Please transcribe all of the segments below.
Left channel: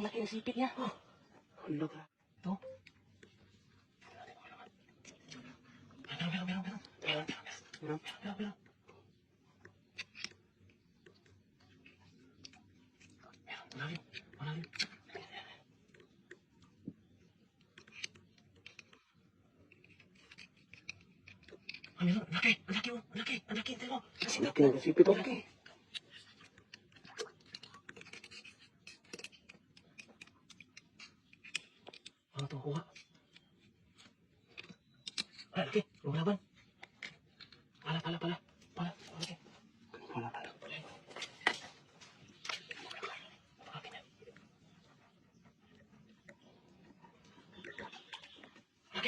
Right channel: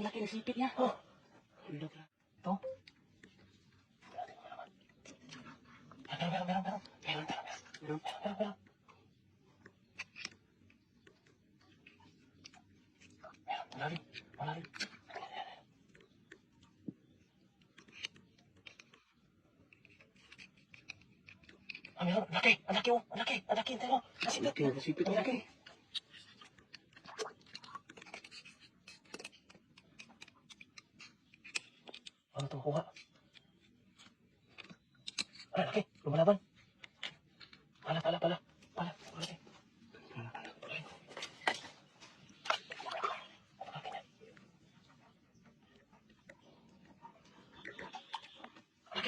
Ang laki ng sipit niya. Oh. Ito. Meron. Malalim. Meron. Laki. Ang laki. Ito mo. Laki ng sipit. Ang laki. Ano ito kuha? Ay, laki. Lumalaban. Pala. Laki.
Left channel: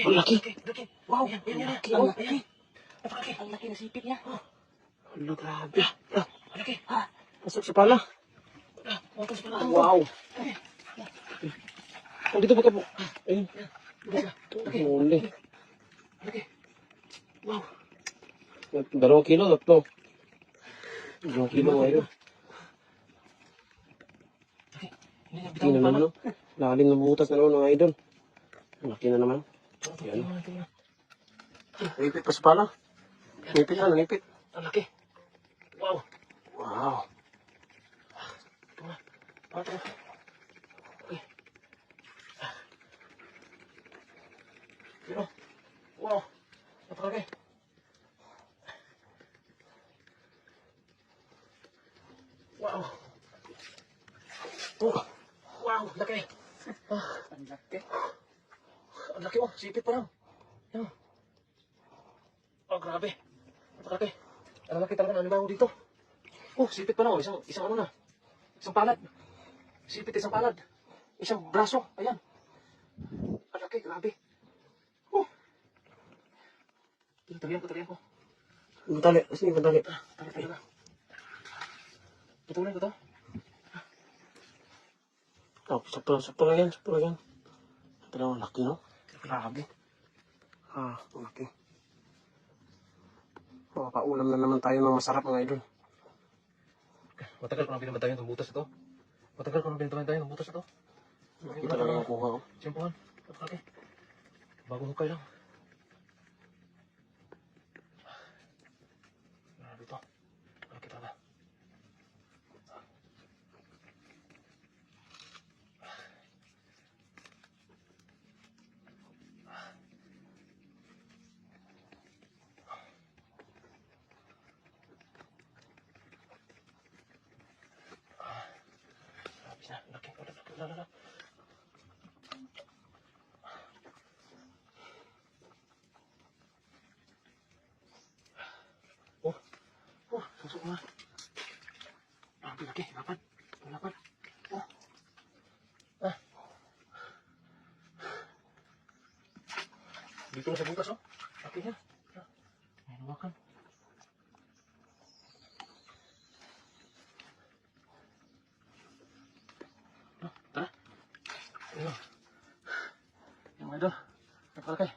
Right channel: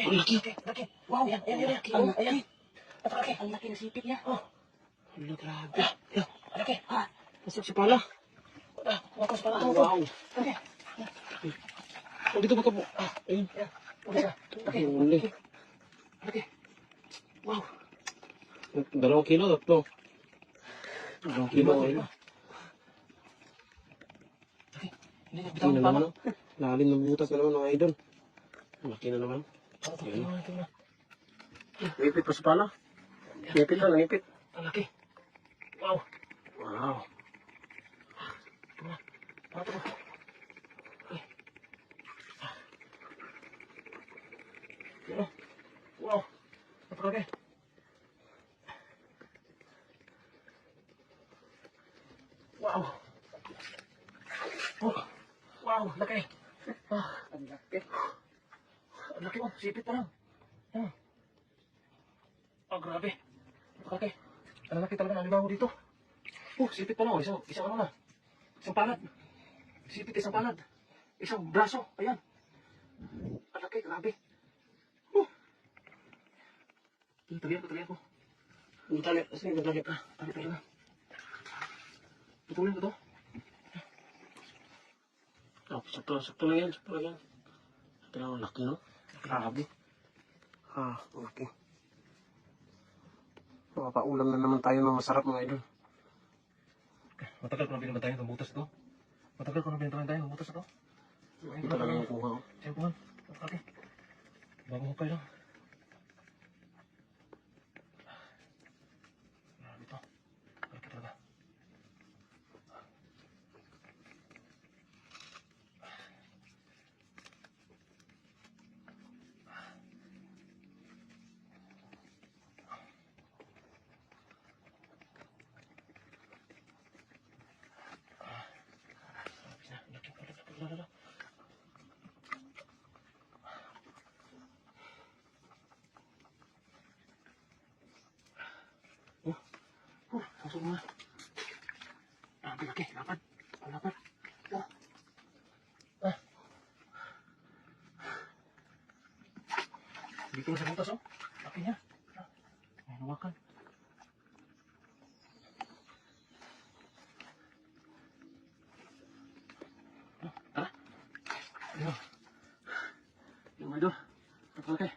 Ang laki. Wow. Ayan. Napalaki. Ang laki ng sipit niya. Oh. Ano, grabe. Ang laki. Pasok si pala. Wow. Oh, dito ba ka po? Ayun. Huli. Wow. 2 kilo to. 2 kilo ngayon. Hindi na naman, no? Lalim ng butas na naman, mga idol. Laki na naman. Yan. Nipit pa sa pala. Nipit. Ang laki. Wow. Ito. Wow. Napalaki. Wow. Wow, laki. Ang laki. Ang laki mo, sipit pa lang. Yan. Grabe. Napalaki. Ang laki talaga ng libaw dito. Sipit pa lang. Isang ano na. Isang palad. Sipit, isang palad. Isang braso. Ayan. Ang laki, grabe. Talihan ko. Ang tali. Saan yung tali? Tali na. Patuloy ko to. Sakto lang yan. Pero laki, no? Grabe. Laki. Makapaulam na naman tayo ng masarap, mga idol. Matagal ko na binabatayan ng butas ito. Ito talaga ang kuha ko. Simpuhan. Bagong hukay lang. Grabe ito. Laki talaga. Laki. Masuk na. Ang laki. Lapad. Dito sa butas, oh. Laki niya. Makan. Tara. Ayun. Yung idol. Napalaki.